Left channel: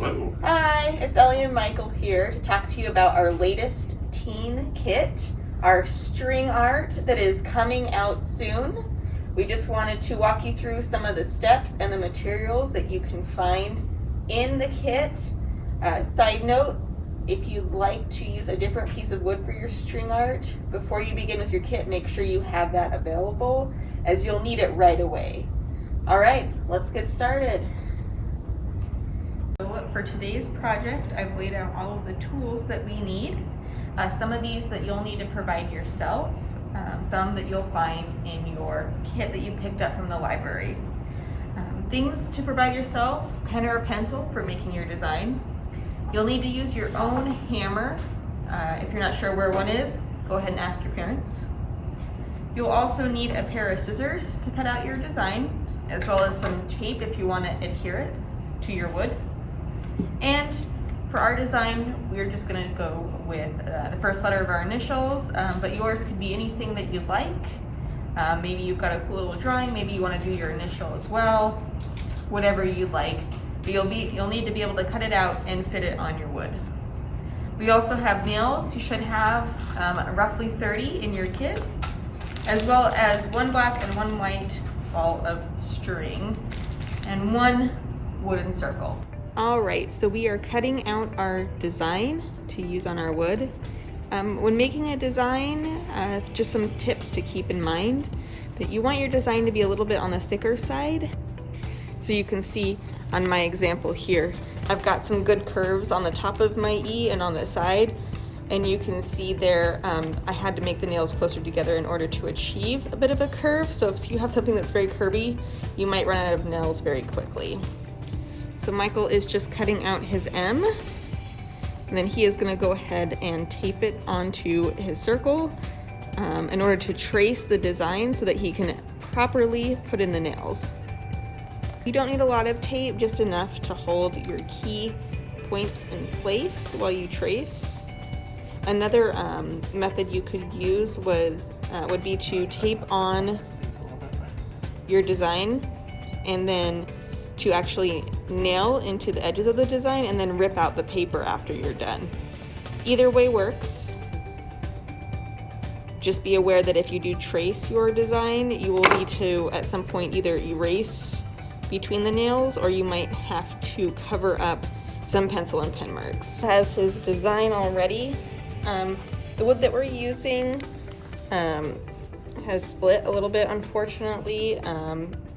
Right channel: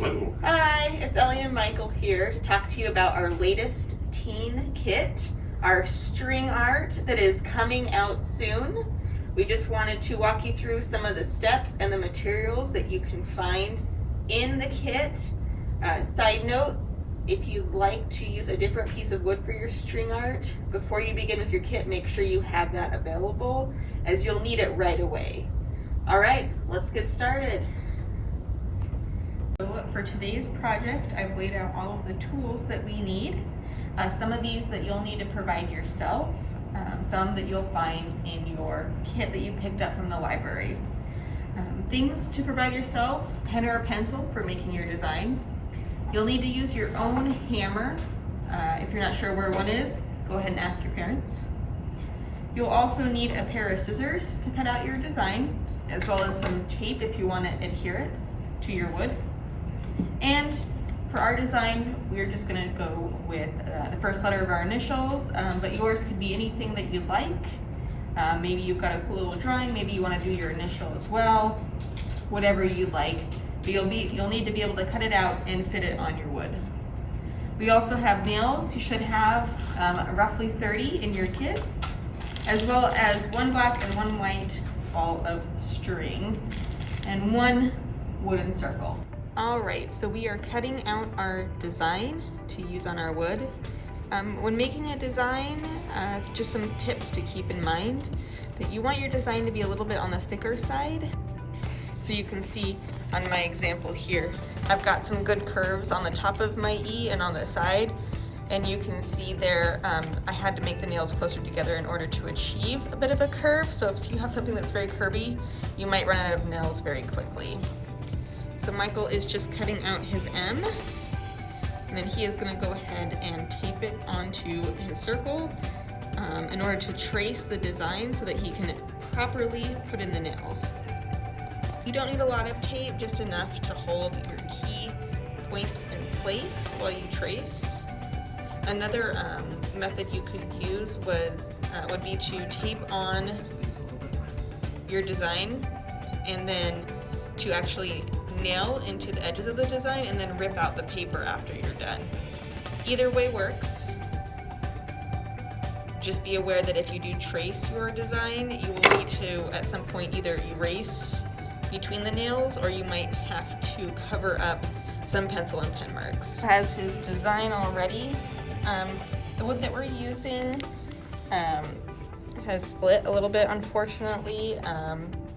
Hi, it's Ellie and Michael here to talk to you about our latest teen kit, our string art that is coming out soon. We just wanted to walk you through some of the steps and the materials that you can find in the kit. Side note, if you'd like to use a different piece of wood for your string art, before you begin with your kit, make sure you have that available, as you'll need it right away. All right, let's get started. For today's project, I've laid out all of the tools that we need. Some of these that you'll need to provide yourself, some that you'll find in your kit that you picked up from the library. Things to provide yourself: pen or a pencil for making your design. You'll need to use your own hammer. If you're not sure where one is, go ahead and ask your parents. You'll also need a pair of scissors to cut out your design, as well as some tape if you want to adhere it to your wood. And for our design, we're just going to go with the first letter of our initials, but yours could be anything that you'd like. Maybe you've got a cool little drawing, maybe you want to do your initial as well, whatever you'd like. But you'll need to be able to cut it out and fit it on your wood. We also have nails. You should have roughly 30 in your kit, as well as one black and one white ball of string and one wooden circle. All right, so we are cutting out our design to use on our wood. When making a design, just some tips to keep in mind: that you want your design to be a little bit on the thicker side. So you can see on my example here, I've got some good curves on the top of my E and on the side, and you can see there I had to make the nails closer together in order to achieve a bit of a curve. So if you have something that's very curvy, you might run out of nails very quickly. So Michael is just cutting out his M, and then he is going to go ahead and tape it onto his circle in order to trace the design so that he can properly put in the nails. You don't need a lot of tape, just enough to hold your key points in place while you trace. Another method you could use would be to tape on your design and then to actually nail into the edges of the design and then rip out the paper after you're done. Either way works. Just be aware that if you do trace your design, you will need to at some point either erase between the nails, or you might have to cover up some pencil and pen marks. Has his design already. The wood that we're using has split a little bit, unfortunately.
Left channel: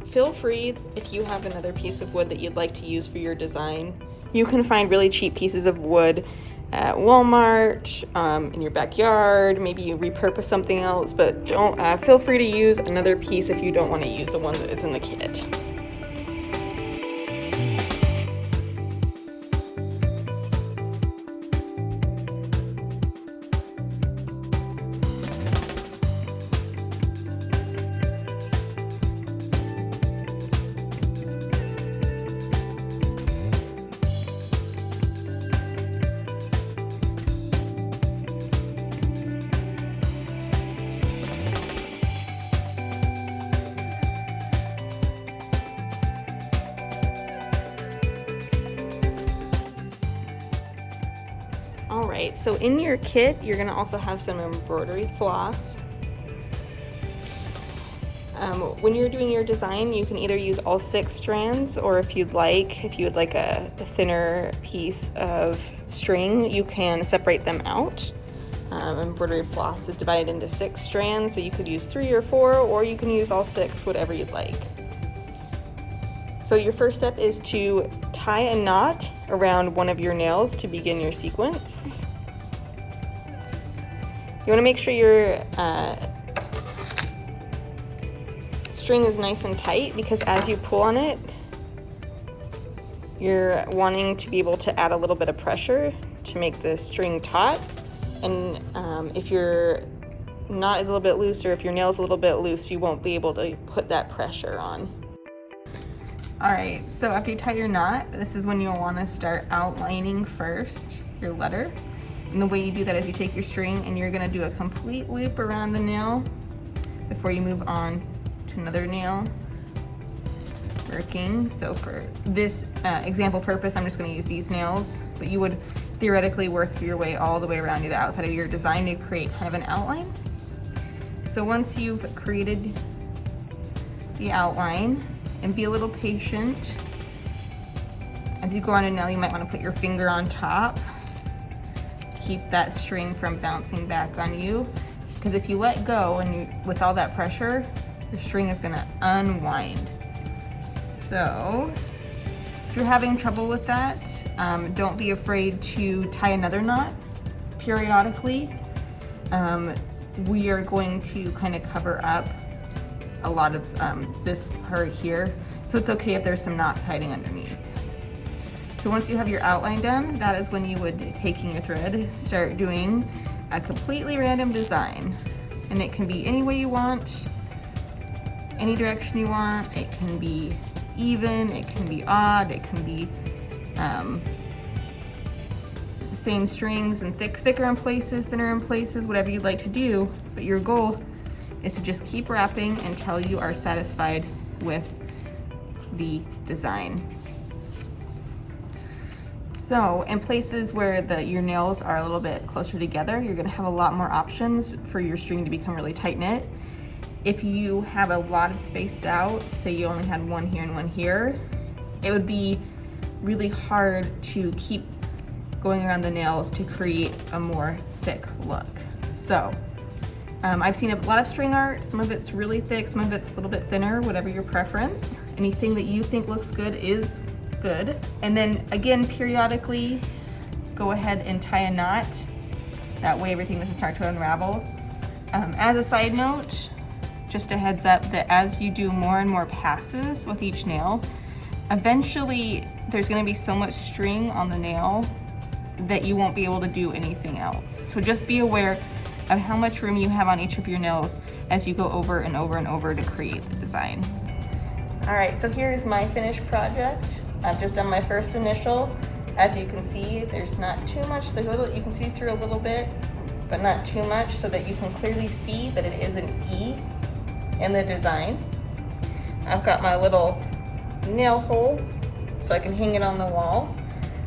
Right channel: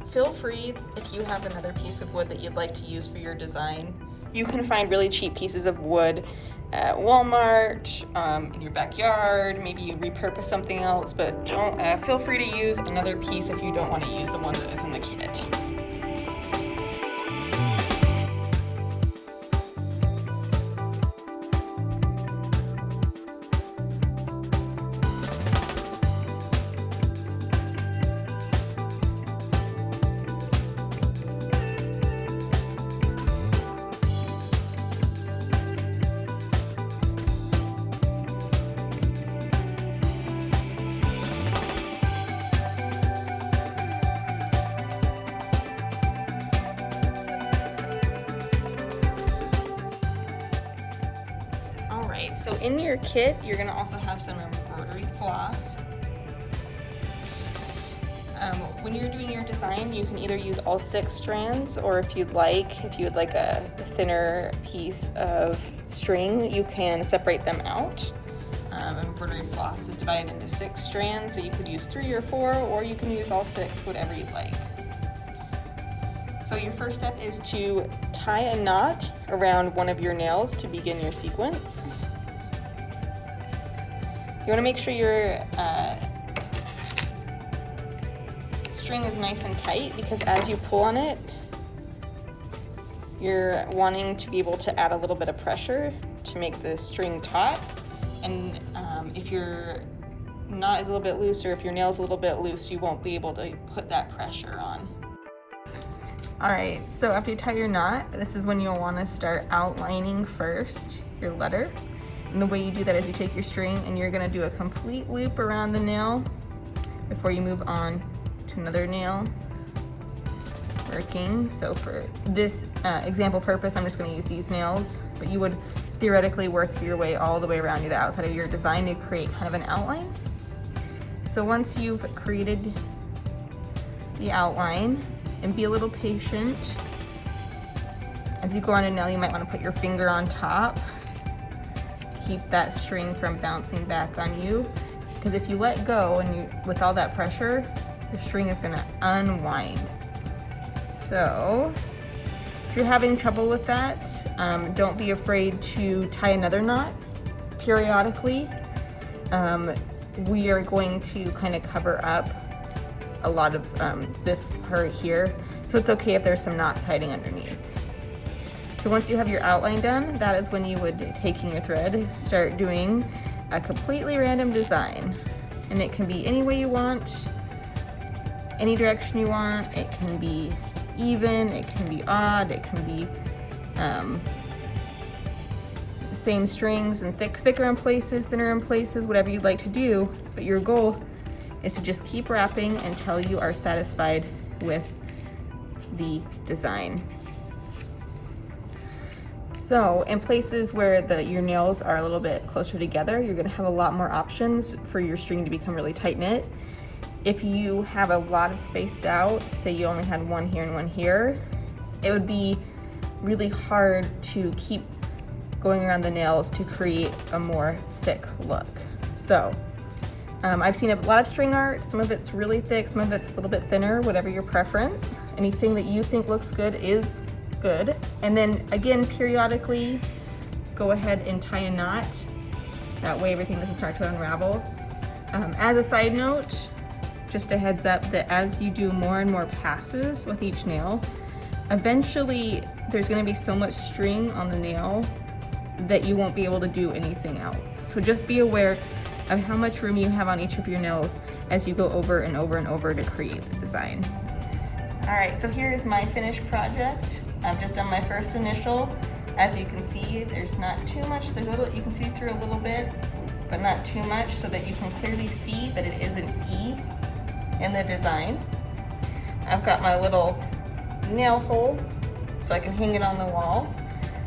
Feel free, if you have another piece of wood that you'd like to use for your design. You can find really cheap pieces of wood at Walmart, in your backyard. Maybe you repurpose something else, but don't feel free to use another piece if you don't want to use the one that is in the kit. Alright, so in your kit, you're going to also have some embroidery floss. When you're doing your design, you can either use all 6 strands, or if you'd like a thinner piece of string, you can separate them out. Embroidery floss is divided into 6 strands, so you could use 3 or 4, or you can use all 6, whatever you'd like. So your first step is to tie a knot around one of your nails to begin your sequence. You want to make sure your string is nice and tight, because as you pull on it, you're wanting to be able to add a little bit of pressure to make the string taut. And if your knot is a little bit loose, or if your nail is a little bit loose, you won't be able to put that pressure on. Alright, so after you tie your knot, this is when you'll want to start outlining first your letter. And the way you do that is you take your string and you're going to do a complete loop around the nail before you move on to another nail. working. So for this example purpose, I'm just going to use these nails, but you would theoretically work your way all the way around to the outside of your design to create kind of an outline. So once you've created the outline, and be a little patient. As you go on a nail, you might want to put your finger on top. Keep that string from bouncing back on you, because if you let go and with all that pressure, the string is going to unwind. So if you're having trouble with that, don't be afraid to tie another knot periodically. We are going to kind of cover up a lot of this part here, so it's okay if there's some knots hiding underneath. So once you have your outline done, that is when you would, taking your thread, start doing a completely random design. And it can be any way you want, any direction you want. It can be even, it can be odd, it can be the same strings and thicker in places, thinner in places, whatever you'd like to do. But your goal is to just keep wrapping until you are satisfied with the design. So in places where your nails are a little bit closer together, you're gonna have a lot more options for your string to become really tight knit. If you have a lot of space out, say you only had one here and one here, it would be really hard to keep going around the nails to create a more thick look. So I've seen a lot of string art. Some of it's really thick, some of it's a little bit thinner, whatever your preference. Anything that you think looks good is good. And then again, periodically go ahead and tie a knot. That way everything doesn't start to unravel. As a side note, just a heads up that as you do more and more passes with each nail, eventually there's going to be so much string on the nail that you won't be able to do anything else. So just be aware of how much room you have on each of your nails as you go over and over and over to create the design. All right, so here's my finished project. I've just done my first initial. As you can see, there's not too much. There's a little, you can see through a little bit, but not too much, so that you can clearly see that it is an E in the design. I've got my little nail hole so I can hang it on the wall.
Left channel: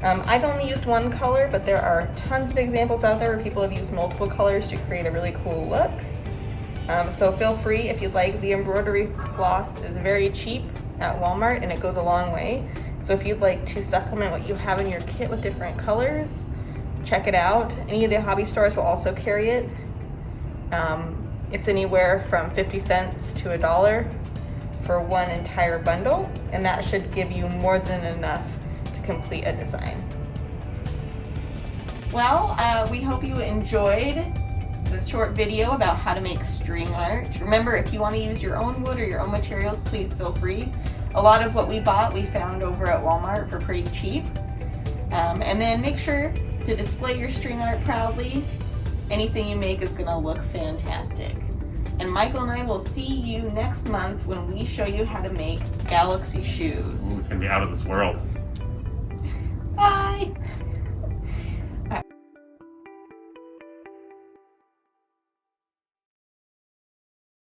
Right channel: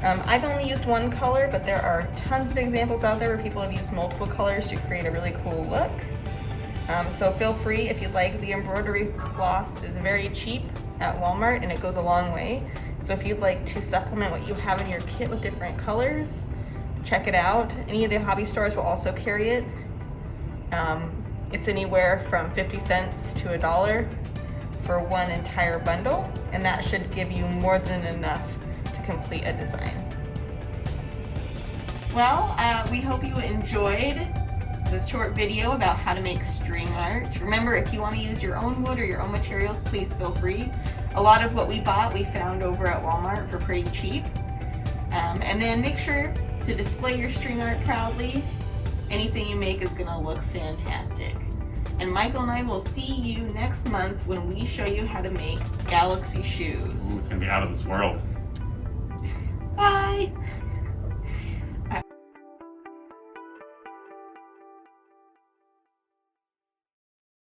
I've only used one color, but there are tons of examples out there where people have used multiple colors to create a really cool look. So feel free if you'd like. The embroidery floss is very cheap at Walmart and it goes a long way. So if you'd like to supplement what you have in your kit with different colors, check it out. Any of the hobby stores will also carry it. It's anywhere from 50 cents to $1 for one entire bundle, and that should give you more than enough to complete a design. Well, we hope you enjoyed the short video about how to make string art. Remember, if you want to use your own wood or your own materials, please feel free. A lot of what we bought we found over at Walmart for pretty cheap. And then make sure to display your string art proudly. Anything you make is going to look fantastic. And Michael and I will see you next month when we show you how to make Galaxy shoes. Ooh, it's going to be out of this world. Bye!